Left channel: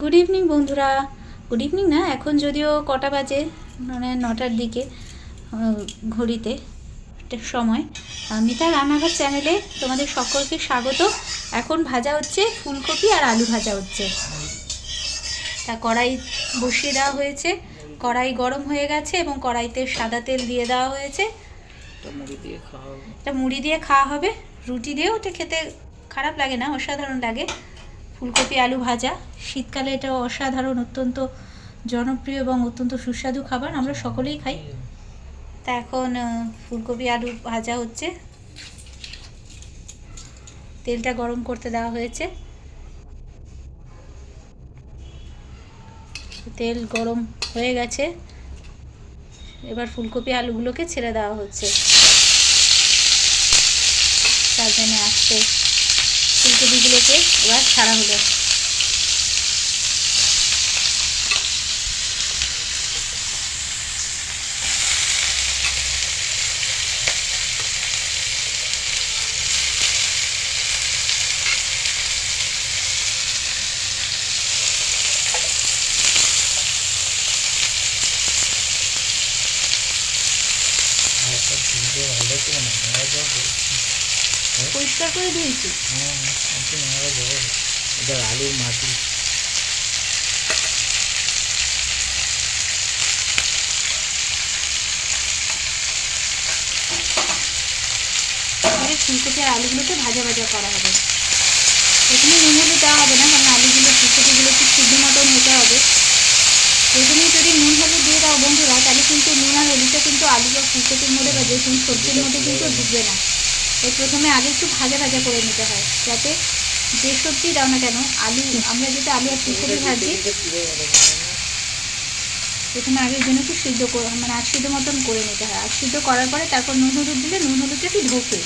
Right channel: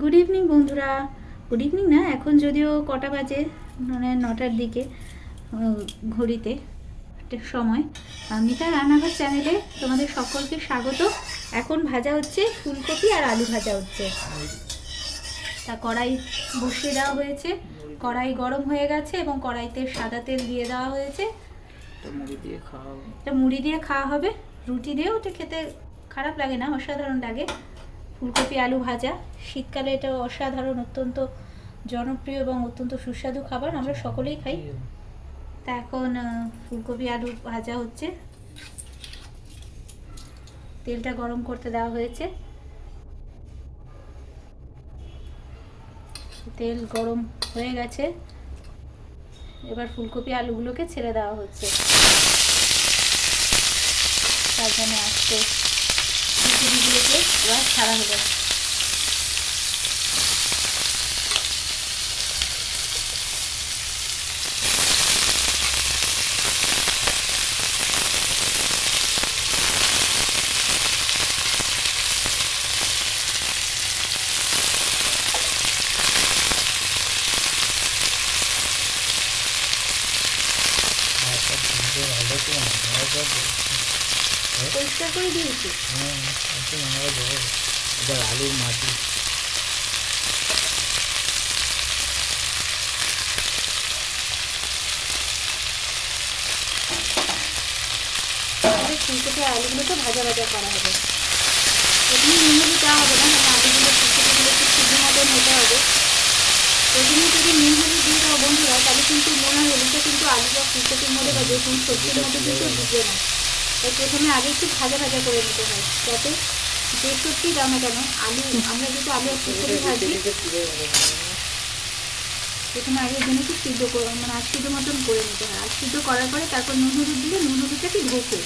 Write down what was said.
Good evening বন্ধুরা। Good evening না, এখন যদিও কটা বাজে, মানে 9টার দিকে ঘড়িতে সময়। মিতা রান্নাঘর চ্যানেলে তোমাদের সকলকে স্বাগত। এখন ভাজা হচ্ছে ফুলকপি আর আলু ভাজা হচ্ছে। তা কড়াই বসিয়ে দেওয়া হয়েছে, কড়াই গরম হয়ে গেছে এবং কড়াইতে সাদা তেল দিয়ে দেওয়া হয়েছে। মুড়ি দিয়ে খাওয়া হবে, রুটি দিয়েও ওটা খেতে খারাপ লাগে না, অসাধারণ লাগে। ফুলকপি আলু ভাজা, শীতকালে এটা অসাধারণ, অত্যন্ত জনপ্রিয় এবং অত্যন্ত সুস্বাদু খাবার, আমরা সকলেই খাই। তা এখন ফুলকপি আলু ভাজা হচ্ছে, তেলটা গরম করতে দেওয়া হয়েছে। তেল গরম হয়ে গেছে, এবার ফুলকপি আলুগুলোকে ছেড়ে দেওয়া হচ্ছে। তার জন্য আস্তে ফুলকপিগুলোকে এবার ছাড়া হলো। পরিষ্কার করে দিয়েছি। আলুর মাটি ফুলকপি আলুগুলোকে ভাজা ভাজা করা হবে। প্রথমে নুন হলুদ দেওয়া হবে না, কারণ আলুগুলো ফুলকপিগুলো একটু সিদ্ধ মতন হতে হবে। প্রথমে যদি নুন হলুদ দিয়ে দাও বন্ধুরা, তাহলে কিন্তু নুন আর হলুদটা কিন্তু আলু বা ফুলকপির মধ্যে বা যে কোনো সবজির মধ্যে কিন্তু ঢুকবে না। তো প্রথমে আলু একটু ভাজা ভাজা করে নিতে হয়, যাতে যে সবজি দাও না কেন, আলু আমরা যেটা আলু আর ফুলকপি ভাজি, প্রথমে আগে জন্য একটু সিদ্ধ করে, মানে সিদ্ধ মতন করে নিতে হয়। আর সিদ্ধ করার পরে তারপর নুন হলুদ দিলে নুন হলুদটা একটু ঢোকে।